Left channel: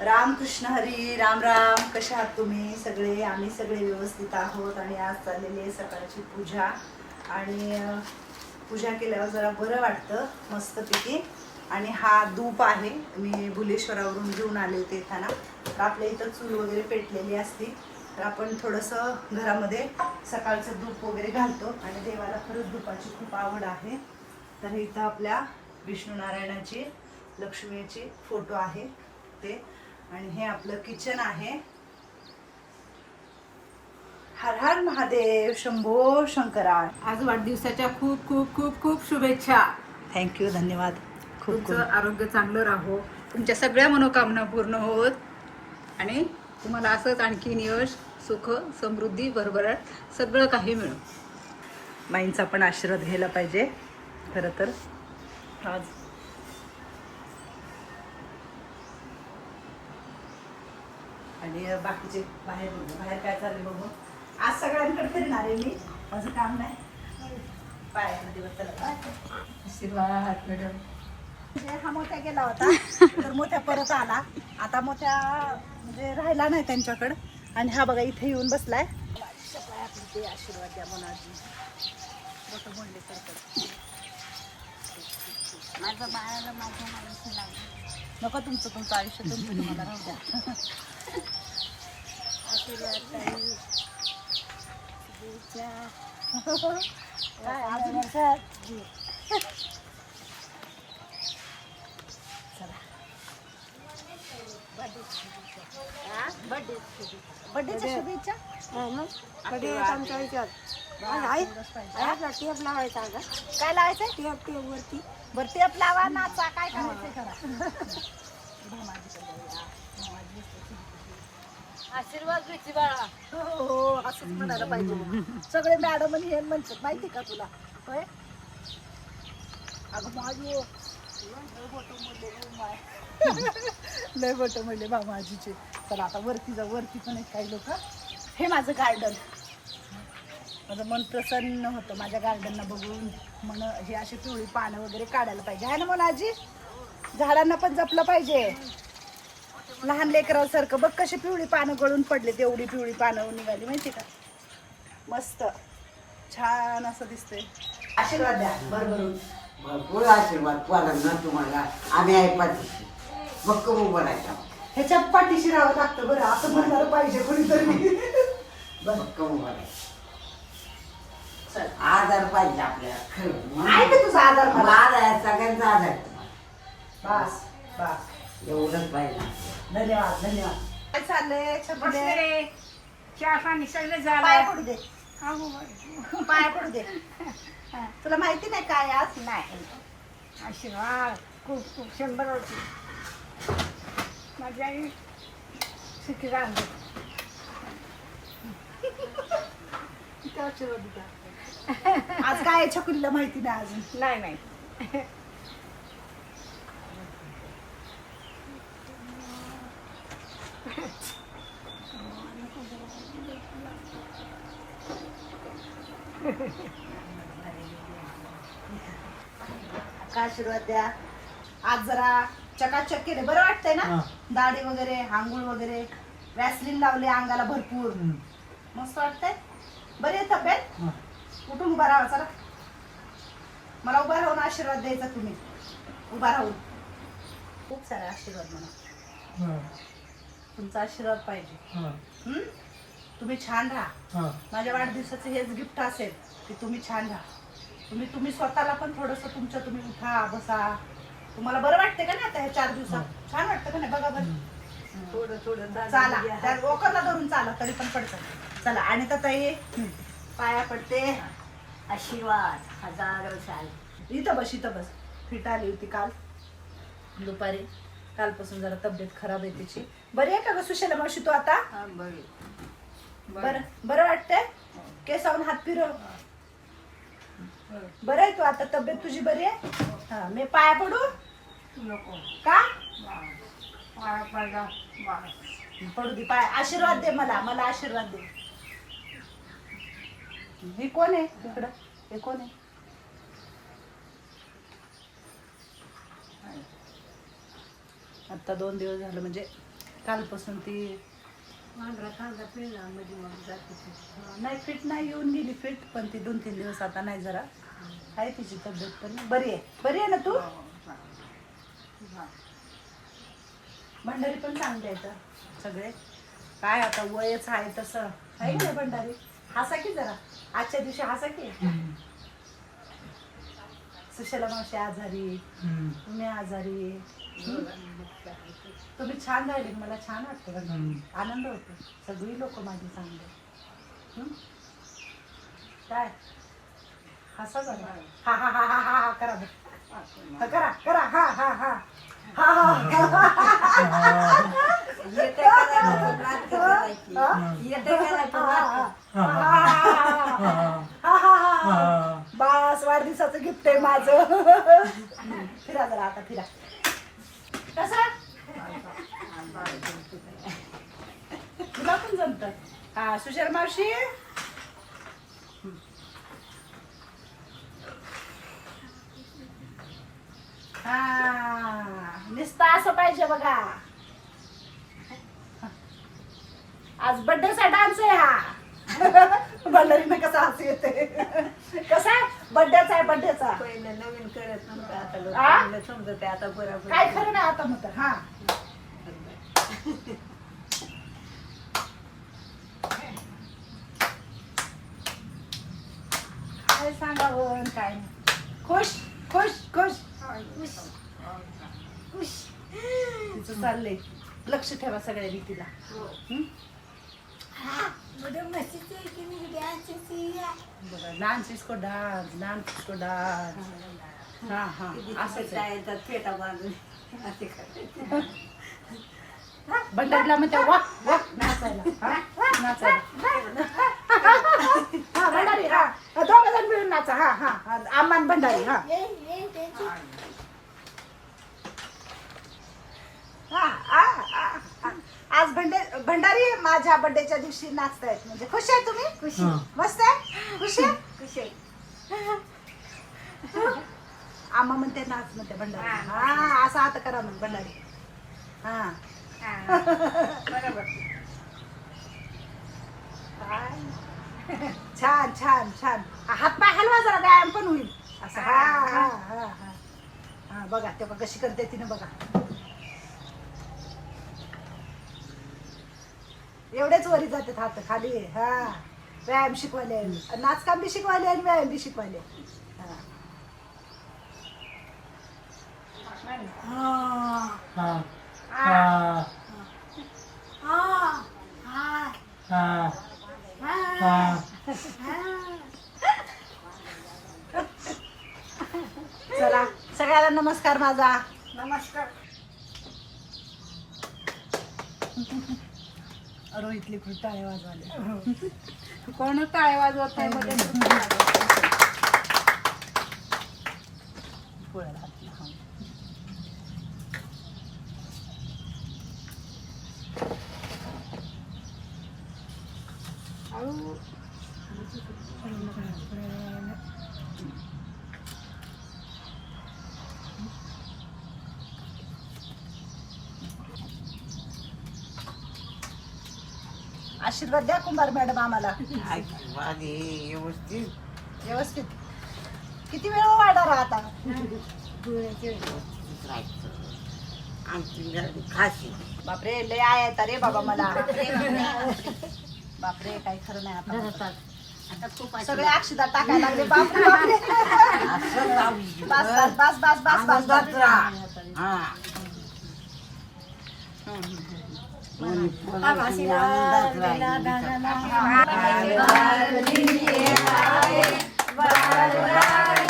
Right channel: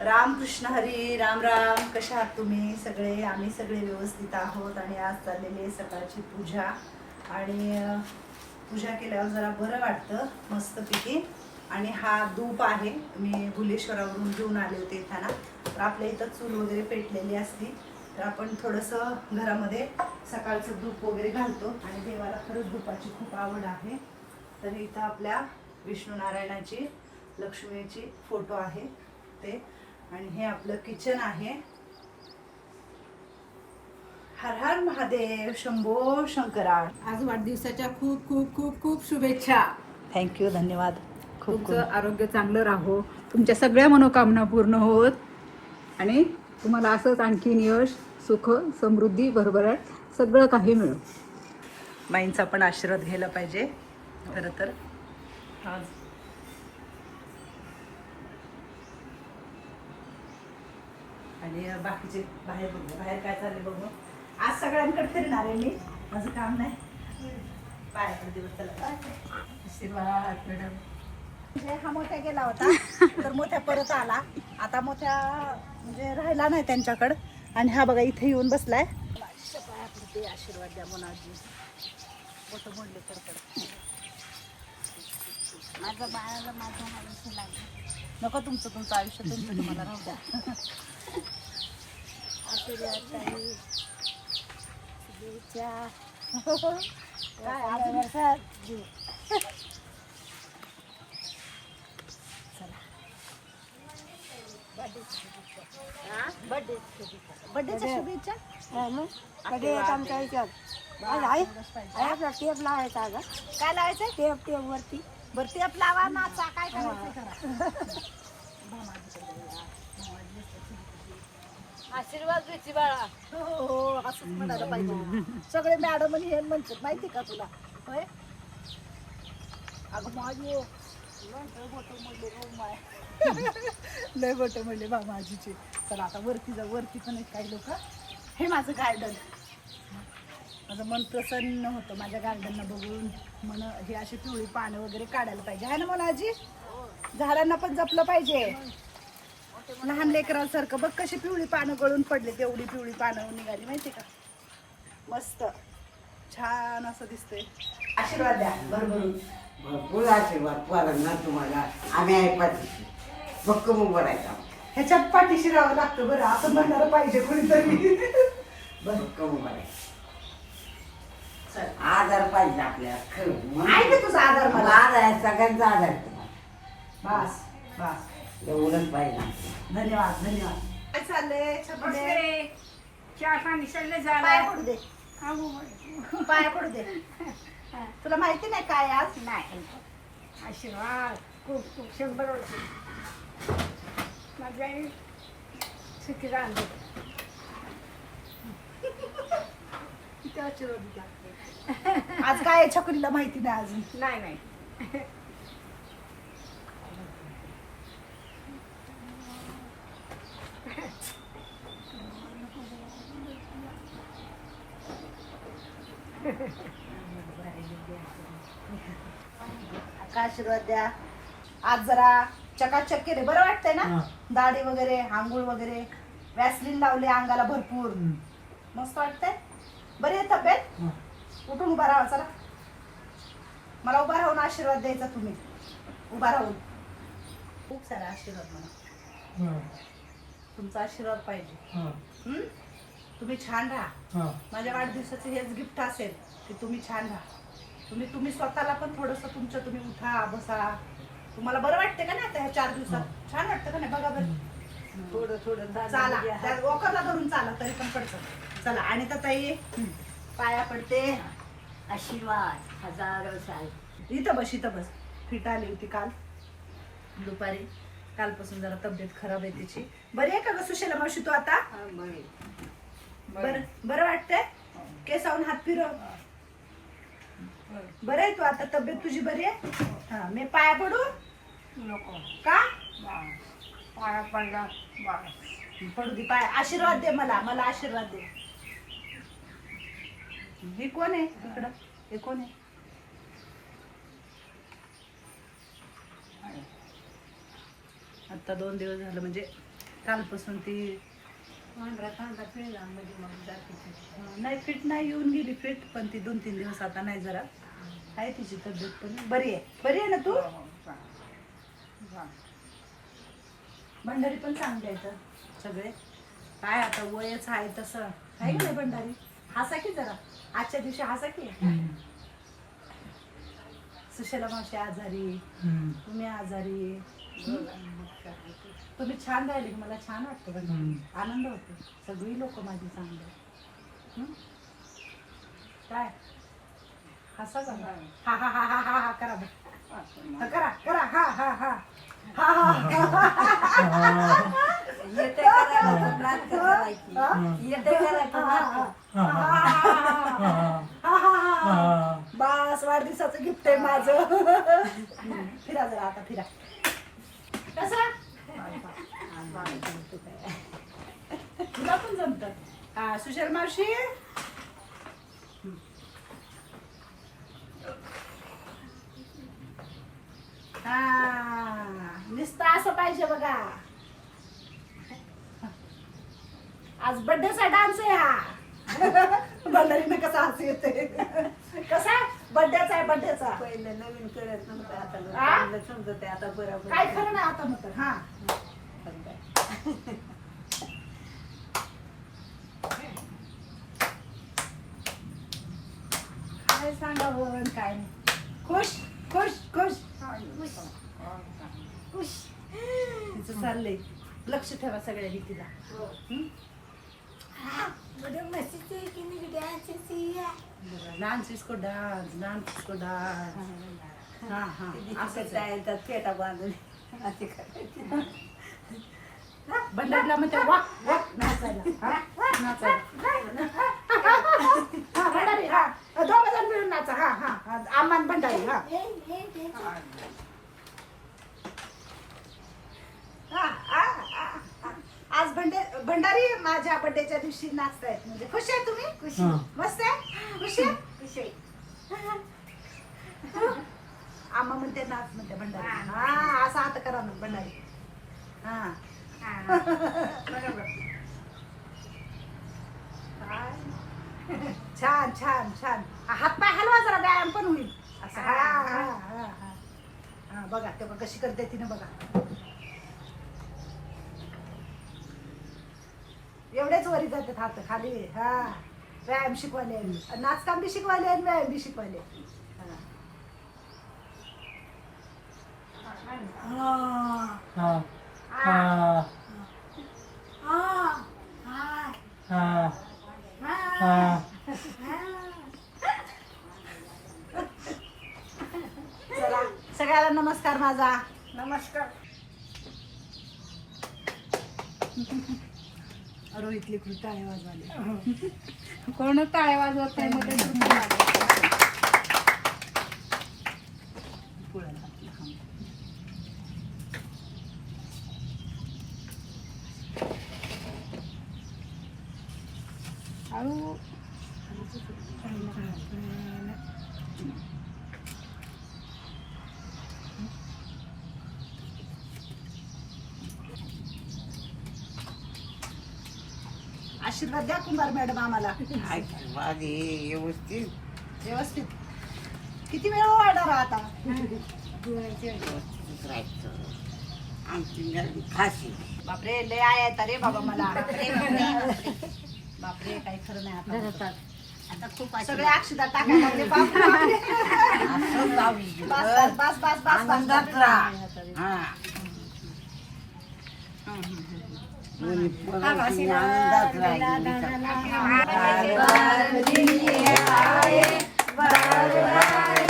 रामकृष्ण हरी राम राम. कशा आहात तुम्ही? सगळे आम्ही सगळे व्यवस्थित आहोत आणि आज चाललेली आहे सकाळची पूजा. आणि पूजा केल्यावर जरा बरं वाटतं मस्तपैकी. आणि हा धूप आहे. मी भुलेश्वरावरून घेऊन आले होते येताना तर आपल्या इथं चूल वगैरे पेटलेली असती. तर आपण थोडंसं घरामध्ये सकाळचं धूप वगैरे घालतो. आणि देवाला खरंच धुपाची खूप आवड आहे. तर इथं आपल्या विष्णू नारायणाची लक्ष्मीची फोटो आहे ते. आणि हे आपलं किचन आहे. हर हर महादेव शंभो शंकरा आज वाढदिवसाच्या खूप खूप खूप खूप शुभेच्छा. थँक्यू धन्यवाद. खूप खूप. तुमचं आरोग्य चांगलं राहो. तुमच्या सगळ्या मनोकामना पूर्ण होत. आणि तुम्हाला असंच आणखीन यश सुख समृद्धी भरभराट सगळं काही मिळो माईंचा पण आशीर्वाद घ्यायला पाहिजे. खरं तर. आज आणि बाकीचे बाहेर बाहेर काय चालले बघू. आज सगळ्यांकडे फिरणार आहे मी. माझं काम नाही. आशीर्वाद मॅडम म्हणजे हा मोठ्या गेला होता तर मोठ्या परत आला. आता मोठ्या म्हणजे राहिला नाही त्यांच्याकडं. आणि हा बघा इथे येऊन बसलाय. माझ्या पडते आशीर्वाद द्या म्हणून आजी मोठं म्हणले तर माझं बाळाला माझ्या माणूस लागलं नको तुमचं तुमचं आयुष्य तुमचं तुम्हाला. राहू द्या शुभेच्छा बड्डेच्या शुभेच्छा आई एवढंच पाहिजे. टेप लावायचा का काय लावायचं टेप टेप वरती बरं टेप लावा नाचा काय करायचंय करा भामाजीकडे जाऊया. भामाजी मस्त आशीर्वाद द्यायची बाळा. हो हो, असंच म्हणायला पाहिजे. सगळे मॅडम आणि हे म्हणतात माहिती का तुला? होय? अगं माझी लय बोटं म्हणले माय लय बा माझीचे चला आता वरती जा वरती पण एक काही लोक. हे माझं गार्डन माझं मन प्रसन्न होतं माझ्या गार्डनला बघून. मन हे अशी पिवळी पानं वगैरे काढायला पाहिजे. आहे ना मला आजी झाडांना पण जपलं पाहिजे. लहान लेकरांसारखं बघ कशी पिवळी पानं गळून पडले तेवढी पिवळी पानं निघाली माहिती का? मस्त. छान असं दिसतंय. आशीर्वाद द्या बरोबर. भरपूर आशीर्वाद पोरांना तुम्हाला. आम्ही आहे पाठीशी. भक्कम उभं राहायचा. ह्याच्यात पाठीशी राहावं लागतं बरं असं म्हणणार पाहिजे कोणीतरी. भक्कम उभं राहायचं. आधार पाहिजे आपल्याला खरं. आहे का तुझा आधार? मला माझा आहे सगळ्यांचा आधार आहे तुम्हाला. बस बस. एवढंच पाहिजे धन्यवाद धन्यवाद. काय चाललंय? छकुले चहा पाणी सगळं पाया झालं पडू दे. पाया पडू दे. तुला माहिती नाही काय आज? नाही. आशीर्वाद. खूप खूप शंभर वर्ष माझी आई सुखी राहते. किती आशीर्वाद दिला आज काय आहे छकुलीला माहिती नाही अजून? नाही नाही. काय आशीर्वाद द्या. आज जरा चकाचक केले. बरं वाटतंय ना? दाढी वगैरे आंघोळ वगैरे वॅसलीन लावले अंगाला भरपूर. मस्त वाटतंय? बरी आहे तब्येत? उठून उभा राहा चला मला उभा राहून आशीर्वाद द्यायचा तुम्ही. उभा राहून. खूप सारा आशीर्वाद मला. तुमचा आशीर्वाद पाहिजे? तुम्ही छान राहा. माझ्या वाढदिवसाचं हेच गिफ्ट असेल की तुम्ही छान राहा. तुम्ही तुम्ही स्वतःला पण थोडंसं तुमचं तुम्ही उठा बसा. तुम्हाला बरं वाटते का नाही आता ह्या चार दिवसात? छान वाटतं का नाही? बघा बरं. थोडं थोडं चाला. त्या वॉकरला धरून चाला तरी पण पडतं. चला आणि तर ताई पाया पडते. आशीर्वाद. हजार इथं बस इथं बस. फिट आली होती काल. दुपारी. कालपासून जरा तब्येत खराब आहे तिची. बरी आहे का ग सुशेला मावशी तू आता? हा बरे. बरं. बरं. वाटतंय? केसावून हात फिरव. बरं. आहे तू आता तब्येत तुझी बरी आहे? हा. मी पाया पडू? नको. का? पाया पडला पडू दे पाय. आशीर्वाद दे मला मला आशीर्वाद दे. मी कोण आहे इकडं? हे कोण आहे. आता दोन दिवस झालं म्हणजे कालपासून ती पांढरा कांदा पिळला मध्ये मग जाते ती. नाही फिट नाही येऊन गेली फिट पण ती दोन तीन दिवस आता नाही जरा. आहे तिची तब्येत पण. बरी आहे. बरी आहे ना तू? भंडारी पण चांगले आहेत सगळे. काय आता वयच आहे तसं. आहे नाही भंडारी? हसा की जरा? आजच्या दिवशी हसा की? सुशला मावशी आजारी तुम्ही आजारी. तुम्ही छान राहिले मला छान वाटतं आनंद होतो सगळी लोक माझी चांगली हं? काय हसा जरा हा हा हा हा हा हा करा. हा, करा करा हा हा हा हा हा. हा? हा, हा, हा. बस वाढदिवसाचं गिफ्ट आहे माझं फिरा जरा आता फिरा कसा तुला पण जमत. हा सुशर मावशी? हा नुसतं असं पाहिजे बघा. आज बड्डेचा डान्स आहे हा. बंडारीनं कसा हसू येते? कसा आहे? बर्थडेचा आहे पहिलं नवीन करत नव्हतं आता लोक आ? चांगलं समजते आता बरोबर काय खरं नाही आता मग हा. काय सांगावं आणि काय नाही. खुश खुश खुश. खुश. तिचं चाललंय. लक्ष ठेवा सगळ्या रीतीला हं? लहान चिसको डान्स लहान चिसको डान्स हा हा असंच आहे. असं फेटा बांधून असे करायचे. भंडारीला म्हणते वा वा नाचायला हा? नाचायला हा भंडारी हा दोघ जण मिळून नाचा हा हा हा, हा, हा. आज भंडे भंडारी माझ्या बर्थडेच्या दिवशी नाचतायत म्हणजे. खुश आहे तुम्ही? खुश मस्त आहे? खुश आहे? खुश आहे. आम्हा म्हणते नाच म्हणते भंडारी. हा. असं आता करा मग भंडारी. हा. छान छान छान. हातपाय हलवा जरा व्यायाम पण होईल. असं. हा हा हा हा. हा बघा तेव्हा कशी करते तिने बघा. एवढेच वरी जातात हात खाली. हा. व्यायाम शिकवायले नाचकाम बी शिकवायले आणि व्यायाम बी शिकवायले हा. हा. चला सगळ्यांना नमस्कार माझा. नमस्कार. रोहितली खूप टाळे वाजवाले कोण टाळे वाजवत नाही मध्ये आशीर्वाद द्या कुंभार मॅडम आम्हाला. आशीर्वाद हे व्यवस्थित. व्यवस्थित. किती वेळ वाढणार आता? व्यवस्थित राहायचं. आमची गर्दी खाशी बापरे लय आय आहेत रे बाबा मला. बापरे काही खरं नाही आता. आता खूप सगळे अक्षदा टाकायला लागले. बापरे बापरे. असं जावी बस बस बस बस बस बस. आनंदात बस राहा हा. कोणी कोणाशी आनंदात राहिली. बाळ